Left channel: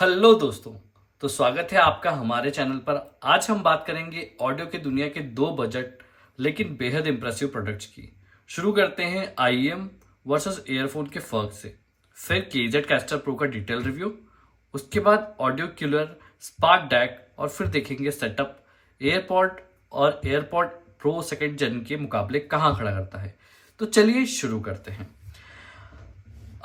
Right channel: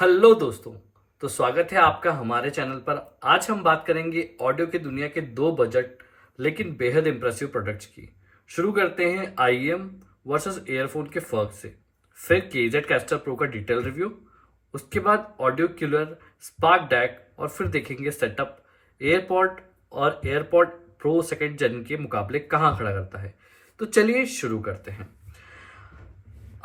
Hello दोस्तों। तो स्वागत है आपका हमारे चैनल पर। आज हम बात करेंगे ऑडियो की दुनिया के दो बजट लेकिन बेहद इंप्रेसिव प्रोडक्ट्स की। शुरू करते हैं IEM वर्सेस एयरफोन के फर्क से, फिर KZ कैस्टर प्रो का डिटेल रिव्यू, उसके बाद ऑडियो किलर स्पार्क डैक, और फिर देखेंगे सेटअप एयरपॉड और एयरपॉड प्रो सेकंड जेन के मुकाबले कहाँ खड़ा करता है। तो चलिए शुरू करते हैं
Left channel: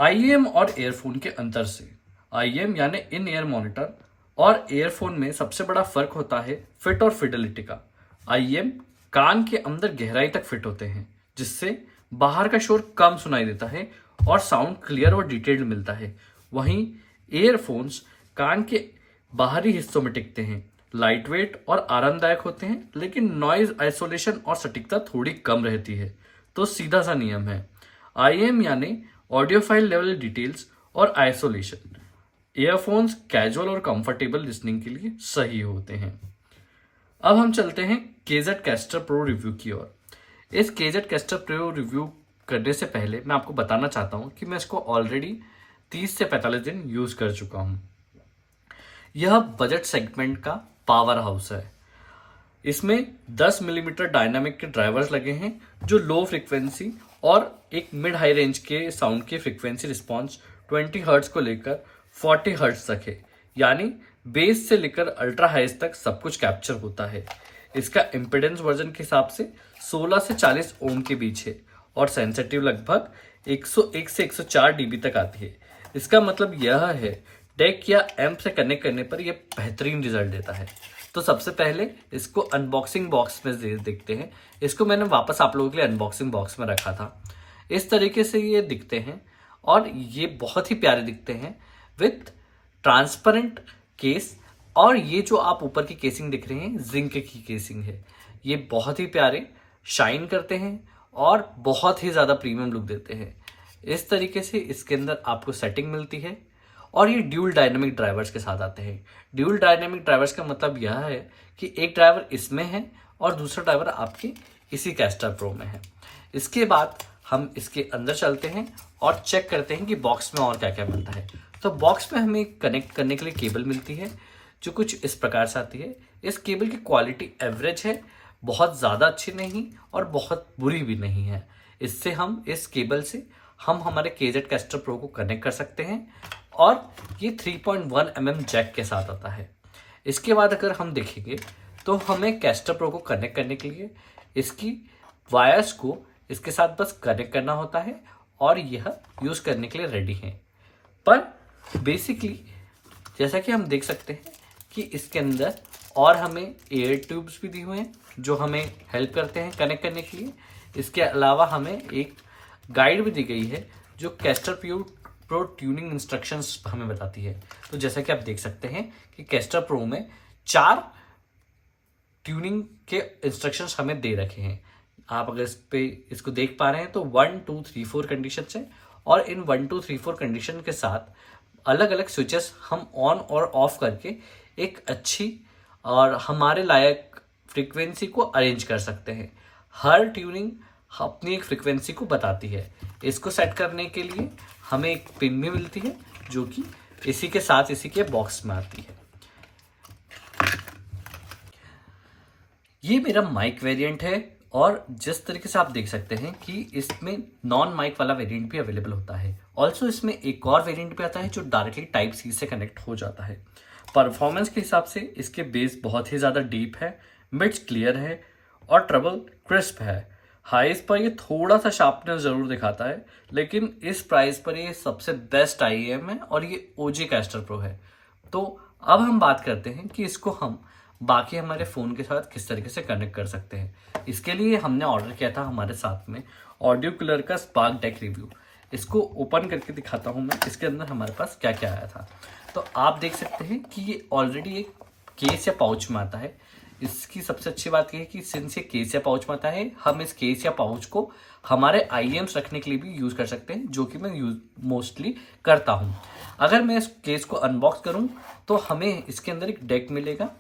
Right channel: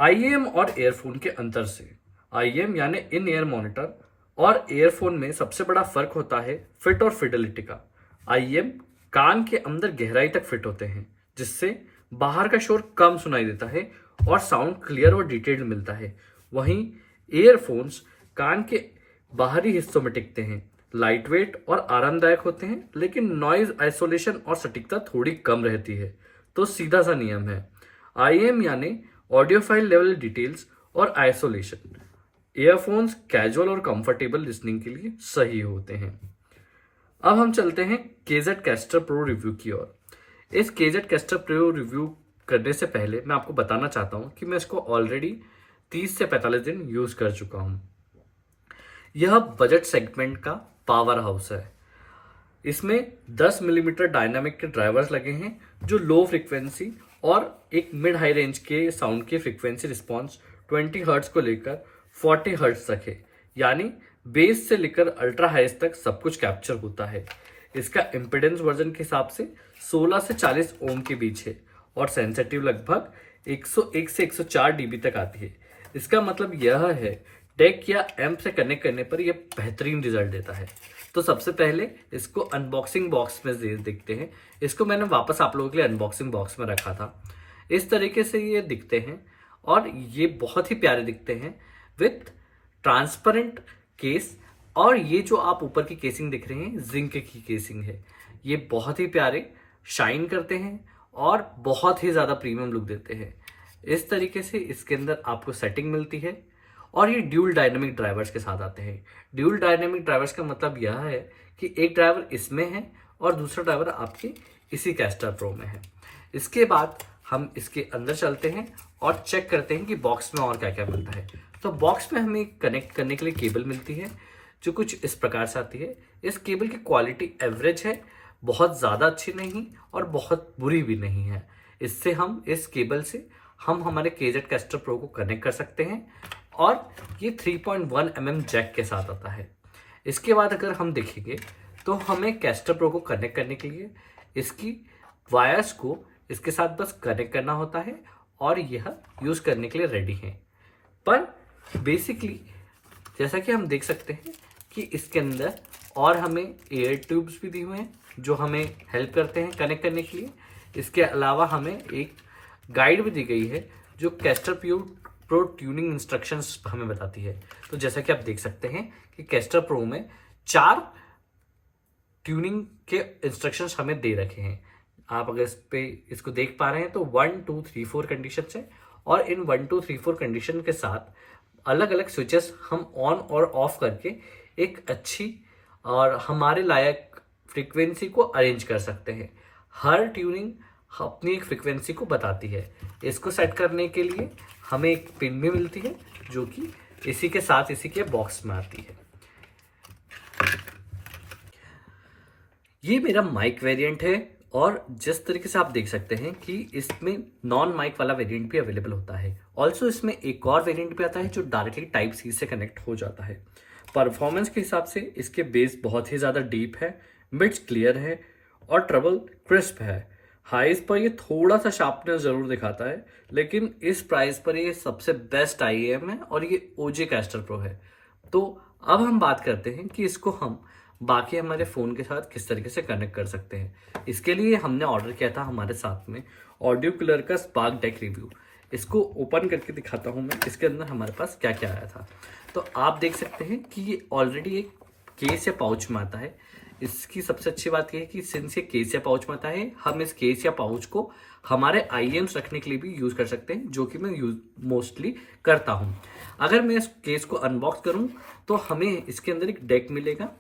IEM और एयरफोन के अंतर से। IEM यानी इन ईयर मॉनिटर और एयरफोन में सबसे बड़ा फर्क होता है फिट और फिडेलिटी का। IEM कान के अंदर गहराई तक फिट होते हैं, जिससे बाहर का शोर कम सुनाई देता है और साउंड क्लियर और डिटेल्ड मिलता है। वहीं एयरफोन्स कान के बाहरी हिस्सों में टिकते हैं, लाइट वेट और आरामदायक होते हैं, लेकिन नॉइज आइसोलेशन और सटीकता थोड़ी कम रहती है। तो सीधा सा नियम है, IEM यानी ऑडियोफाइल लेवल डिटेल्स और आइसोलेशन। ईयरफोन्स कैजुअल और कंफर्टेबल लिसनिंग के लिए सही होते हैं। अब हम चलते हैं KZ कैस्टर प्रो रिव्यू की ओर। इस KZ कैस्टर प्रो रिव्यू करने से पहले मैं आपको बताना चाहता हूं कि मैं इसको ऑलरेडी 30 से 45 दिन यूज कर चुका हूं। यह बजट सेगमेंट का पावर हाउस है। इसमें 10 मिलीमीटर डायनामिक के ड्राइवर्स लगे हैं, जो लो फ्रीक्वेंसी और एक मिड हाई रेंज के साउंड की फ्रीक्वेंसी रिस्पॉन्स 20 हर्ट्ज को लेकर 40 हर्ट्ज तक है। यानी बेस से लेकर अल्ट्रा हाइज तक सब कुछ कैप्चर होता है। इसका इम्पिडेंस वर्जन के हिसाब से 16 से 40 ओम के बीच है और सेंसिटिव लगभग 101 से 104 डीबी तक आती है। इसका मतलब यह है डेक या एम्प से कनेक्ट करने पर यह बेहतरीन रिजल्ट देता है। तो सबसे पहले इसको अनबॉक्सिंग बॉक्स में देखते हैं। इसको मैंने वापस आप लोगों के लिए अनबॉक्सिंग बॉक्स में रखा था। इस तरीके से ये दिखते हैं और ये बहुत ही प्यारे दिखते हैं विथ ट्रांसपेरेंट केस। और ये जो आप ऊपर की केसिंग दिख रहे हैं, जिंक की केसिंग है। ये बहुत ही प्यारे शाइन करते हैं और बहुत ही ज़्यादा प्रीमियम लुक देते हैं। इस तरीके से इसके अंदर आपको सेटिंग मिलती है और ये ड्यूल डायनेमिक ड्राइवर्स के साथ आते हैं। ड्यूल डायनेमिक ड्राइवर्स का मतलब यह है कि एक ड्राइवर इसमें है और दूसरा ड्राइवर आपके इसी कैस्टर प्रो में है। इसके बाद हम इसके अंदर चलते हैं और चेक करते हैं कि बॉक्स में और क्या क्या मिलता है। तो बॉक्स में हमें कनेक्ट करने के लिए केबल मिलती है, जो कुछ इस प्रकार से आती है। इस केबल की क्वालिटी एवरेज है, बहुत ज़्यादा अच्छी नहीं और बहुत बुरी भी नहीं है। इससे हम इस केबल से हम हमारे KZ कैस्टर प्रो को कनेक्ट कर सकते हैं और ये 3.1 mm जैक के साथ आता है। इसके बाद अगर हम देखेंगे तो हमें कैस्टर प्रो को कनेक्ट करने के लिए इसकी वायर्स को इसके साथ बस कनेक्ट करना होता है और यह यूज़ करने के लिए रेडी है। पर बेसिकली जैसा कि हम देख सकते हैं कि इसके अंदर और हमें एयर ट्यूब्स भी दिए हुए हैं, जो हमें हेल्प करते हैं कनेक्ट करने के लिए। इसके अलावा हमें एक गाइड भी दी गई है, जो कैस्टर प्रो ट्यूनिंग इंस्ट्रक्शंस हमें बताती है। तो जैसा कि आप देख सकते हैं कि कैस्टर प्रो में 4 ट्यूनिंग के इंस्ट्रक्शंस हमें दे रखे हैं। आप अगर इसको देख पा रहे हैं तो 1 2 3 4 कंडीशन है और इन 1 2 3 4 कंडीशन के साथ अलग अलग स्विचेस हम ऑन और ऑफ करके एक अच्छी और हमारे लायक फ्रीक्वेंसी को अरेंज कर सकते हैं। हर ट्यूनिंग अपनी एक फ्रीक्वेंसी को बताती है। इसको सेट करने के लिए हमें एक पिन भी मिलती है, जो कि इसी के साथ इसी के बॉक्स में आती है। ये मेरा माइक वेरिएंट है और जिस तरीके से आप देख सकते हैं कि इसमें नॉन माइक वाला वेरिएंट भी अवेलेबल होता है। ऑल्सो इसमें एक और वेरिएंट भी आता है जो डायरेक्टली टाइप सी से कनेक्ट हो जाता है। परफॉर्मेंस के हिसाब से इसके बेस बहुत ही ज़्यादा डीप है, मिड्स क्लियर है और ट्रबल क्रिस्प है। हाईज पर ये थोड़ा सा शार्पनेस ज़रूर दिखाता है, लेकिन इस प्राइस पर ये सबसे बेस्ट IEM है और ये OG कैस्टर प्रो है। तो अब हम बात करते हैं कि इसको हम बाकी हमारे फ़ोन के साथ किस तरीके से कनेक्ट कर सकते हैं। इसके लिए हमने ऑर्डर किया था हमारे साथ में ऑडियो कूलर का स्पार्क डेक रिव्यू। इसको ओपन करके दिखाता हूँ मैं, इसके अंदर हमारे पास क्या क्या आया था। तो आप देख सकते हैं कि ये ऑलरेडी एक केस या पाउच में आता है। इसकी सबसे अच्छी बात यह है कि सिंस ये केस या पाउच में आता है, हम इस केस या पाउच को हमारे IEMs रखने के लिए भी यूज़ कर सकते हैं, जो कि मैं यूज मोस्टली करता हूँ। अगर मैं इस केस को अनबॉक्स करूँ तो हमें इसके अंदर एक डेक मिलेगा,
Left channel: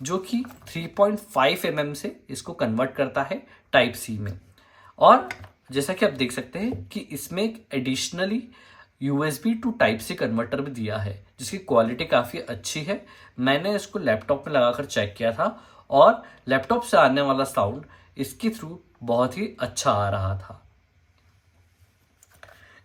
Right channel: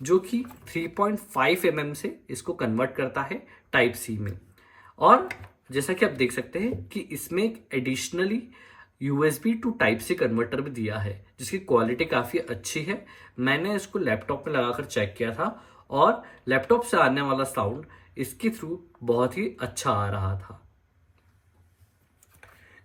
जो कि 3.5 mm से इसको कन्वर्ट करता है टाइप सी में। और जैसा कि आप देख सकते हैं कि इसमें एक additionally USB to type C converter भी दिया है जिसकी क्वालिटी काफ़ी अच्छी है। मैंने इसको लैपटॉप में लगाकर चेक किया था और लैपटॉप से आने वाला साउंड इसके थ्रू बहुत ही अच्छा आ रहा था।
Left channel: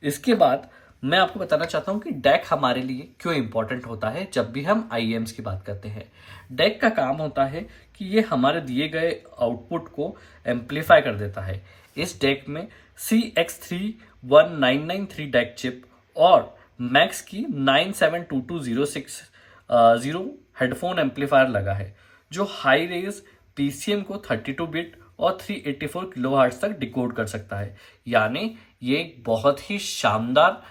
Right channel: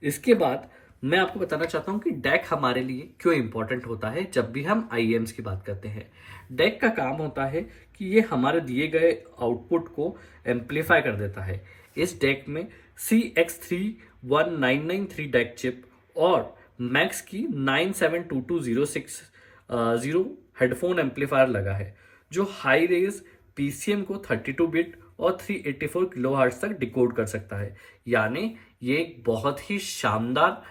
इसके बाद मैं आपको बताना चाहता हूं कि डैक हमारे लिए क्यों इंपॉर्टेंट होता है जब भी हम IEMs की बात करते हैं। डैक का काम होता है कि ये हमारे दिए गए आउटपुट को एम्पलीफाई कर देता है। इस डैक में CX31993 डैक चिप और मैक्स की 972206 हेडफोन एम्पलीफायर लगा है जो हाई रेज PCM को 32 बिट और 384 किलोहर्ट्ज तक डिकोड कर सकता है। यानी ये एक बहुत ही शानदार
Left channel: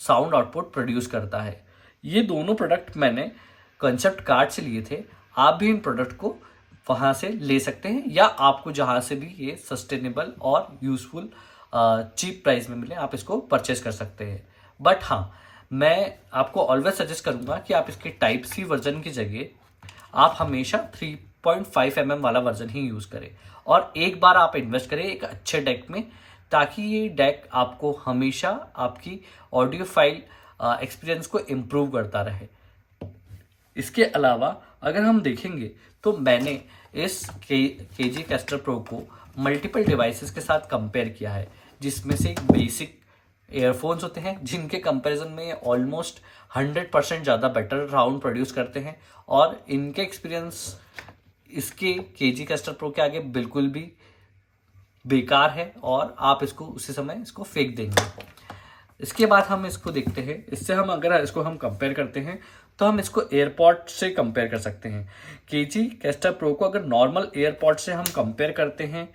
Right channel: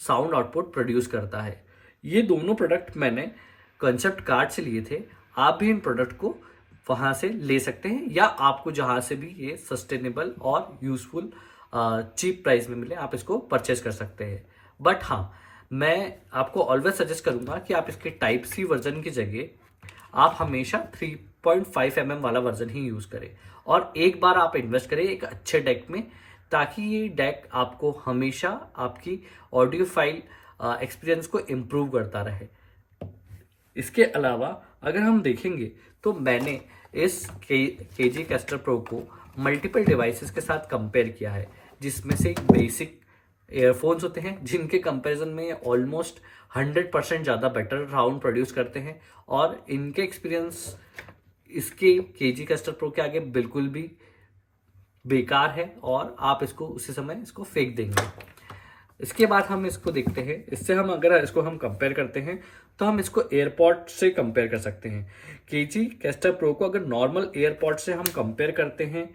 साउंड आउटपुट प्रोड्यूस करता है। ये दोनों प्रोडक्ट मैंने कंसेप्ट कार्ड से लिए थे। आप भी इन प्रोडक्ट को वहाँ से ले सकते हैं या आपको जहाँ से भी ये सस्टेनेबल और यूजफुल चीप प्राइस में मिले आप इसको परचेज कर सकते हैं। बट हाँ, मैं आपको ऑलवेज सजेस्ट करूँगा कि आप इसके टाइप सी वर्जन की जगह आप हमेशा 3.5 mm वाला वर्जन ही यूज़ करें और एक बार आप इन्वेस्ट करें एक अच्छे डेक में, ताकि ये डेक आपको हमेशा आपकी ऑडियो फाइल एक्सपीरियंस को इम्प्रूव करता रहे। इसके अलावा अगर हम देखेंगे तो मैंने इस KG कैस्टर प्रो को मल्टीपल डिवाइसेस के साथ कंपेयर किया है, जिसमें से एक बेसिक एयरफोन्स होते हैं जिनके कंपैरिजन में ऑलमोस्ट 100% ज़्यादा बेटर साउंड प्रोड्यूस करते हैं और इनके एक्सपीरियंस इसके KG कैस्टर प्रो के आगे बिल्कुल भी बेकार है और आप इसको उसी समय इसको फेंक देंगे। इसके बाद हम इसको देखते हैं, इससे हम अगर इसको हम कंपेयर करते हैं तो हम इसको एयरपॉड से कंपेयर कर सकते हैं। KG कैस्टर प्रो को अगर नॉर्मल एयरपॉड से हम कंपेयर करते हैं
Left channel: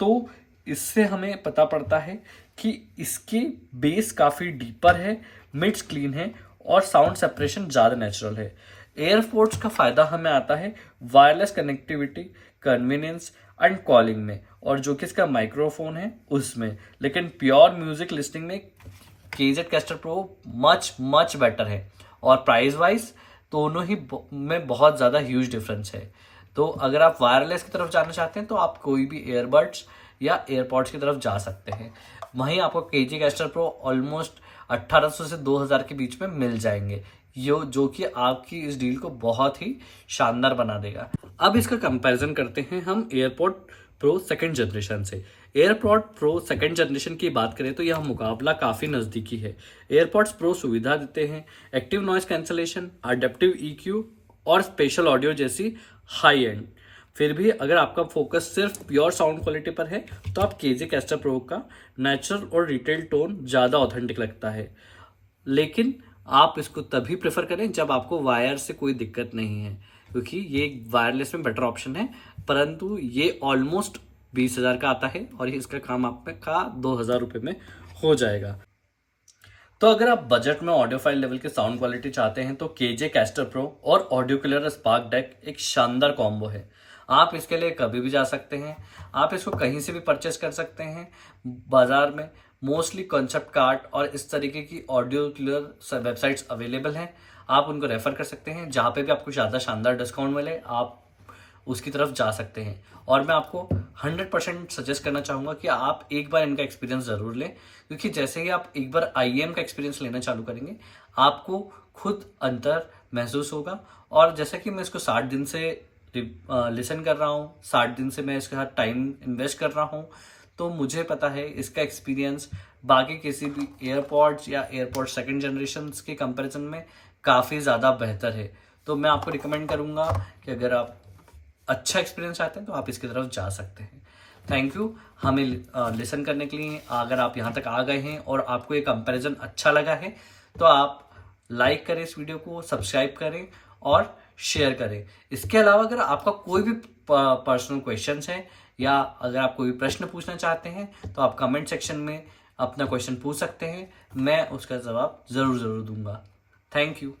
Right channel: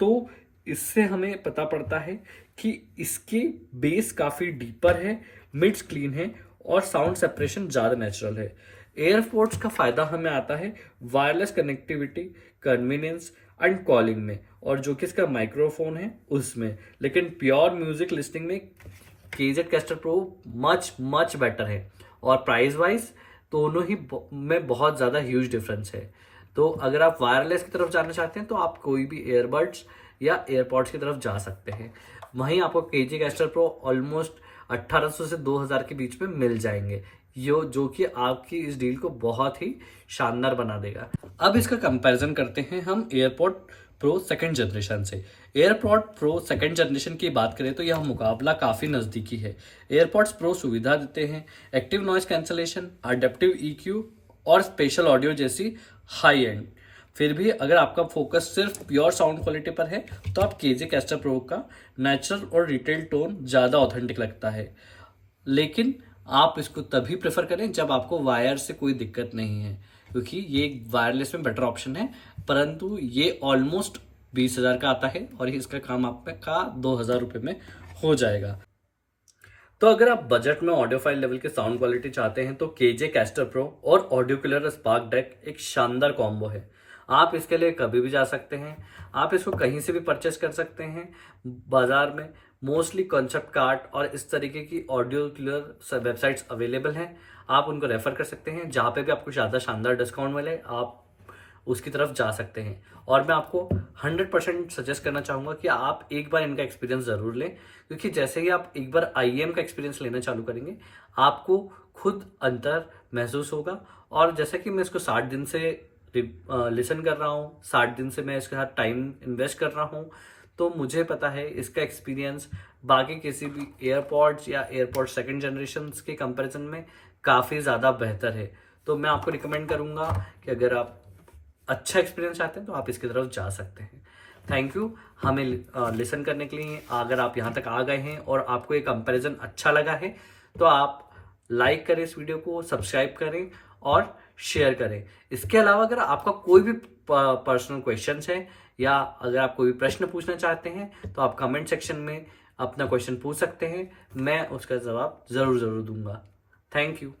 तो इससे हमें पता पड़ता है कि इसके बेस काफ़ी डीपर है, मिड्स क्लीन है और साउंड सेपरेशन ज़्यादा नेचुरल है। एयरपोर्ट्स का फ़ायदा हमें आता है wireless connectivity, convenience and calling में, और जो कि इसका माइक्रोफोन है उसमें। लेकिन प्योर म्यूजिक लिस्टिंग में KZ castor pro much better है और प्राइस वाइज दोनों ही में बहुत ज़्यादा ह्यूज डिफरेंस है। तो अगर आप वायरलेस की तरफ जाना चाहते हैं तो आप कोई भी एयरबड्स या एयरपॉड्स की तरफ जा सकते हैं। वहीं आपको KG कैस्टर प्रो ऑलमोस्ट 1800 से 2000 के बीच में मिल जाएंगे, जो कि आपकी इस डील को बहुत ही शानदार बना देगा। अब इसका कंपैरिजन करते हैं हम एयरपॉड प्रो सेकंड जनरेशन से। एयरपॉड प्रो सेकंड जनरेशन की बात करें तो यह मुकाबला काफ़ी नज़दीकी है। एयरपॉड्स प्रो सुविधा देते हैं active noise cancellation, adaptive EQ और स्पेशल ऑडियो जैसी हाई एंड। फिर भी अगर आपका फोकस सिर्फ प्योर साउंड क्वालिटी पर है तो आप KG कैस्टर प्रो का नेचुरल और रिटेल टोन ज़्यादा ऑथेंटिक लगता है। लेकिन आप इसको तभी प्रेफर करें जब आपको वायर से कोई दिक्कत नहीं है, क्योंकि ये वायरलेस में बेटर ऑप्शन है, परंतु ये ऑलमोस्ट 20,000 का आता है और इसका काम आपका 2,000 रुपये में हो जाएगा। तो अगर आप बजट में ऑडियो फाइल लेवल के साउंड क्वालिटी चाहते हैं तो KG कैस्टर प्रो और ऑडियो किलर स्पार्क डेक एक शानदार कॉम्बो है। आप इसके लिए कभी भी जा सकते हैं, आप इसको कहीं से भी परचेस कर सकते हैं। बाजार में मोस्टली कॉन्सेप्ट कार्ड और इस तरीके की ऑडियो किलर वेबसाइट्स अवेलेबल हैं, आप उनको रेफर कर सकते हैं। जहाँ पे भी आपको ज़्यादा शानदार डिस्काउंट मिले आप उसकी तरफ जा सकते हैं। और मैं आपको 100% सजेस्ट करना चाहूँगा कि आप एक बार इनका एक्सपीरियंस ज़रूर लें, क्योंकि जैसे ही आप एक बार IEM का एक्सपीरियंस लेना चालू करेंगे आपको खुद अंतर महसूस होगा। और जैसा कि मैं इसको 60 दिन से लिसन कर रहा हूँ, 60 दिन से मैं इसके साथ टाइम इन्वेस्ट कर रहा हूँ, तो मुझे पता है इसका एक्सपीरियंस बाकी किसी भी एयरपॉड्स या एयरपॉड सेकंड जनरेशन के कंपैरिजन में काफ़ी ज़्यादा बेहतर है। तो मैं आपको रिकमेंड करूँगा कि अगर आप अच्छा एक्सपीरियंस चाहते हैं तो आप इसकी तरफ जा सकते हैं। थैंक यू हमें लिसन करने के लिए। अगर आप यहाँ तक आ गए हैं और आपको ये कंपैरिजन अच्छा लगा है तो आप लाइक करें इस वीडियो को, सब्सक्राइब करें और शेयर करें। इसके अलावा अगर आपका कोई भी पर्सनल क्वेश्चंस है या अगर आप कोई प्रश्न पूछना चाहते हैं तो आप कमेंट सेक्शन में अपना क्वेश्चन पूछ सकते हैं, मैं उसका जवाब ज़रूर दूंगा। Thank you.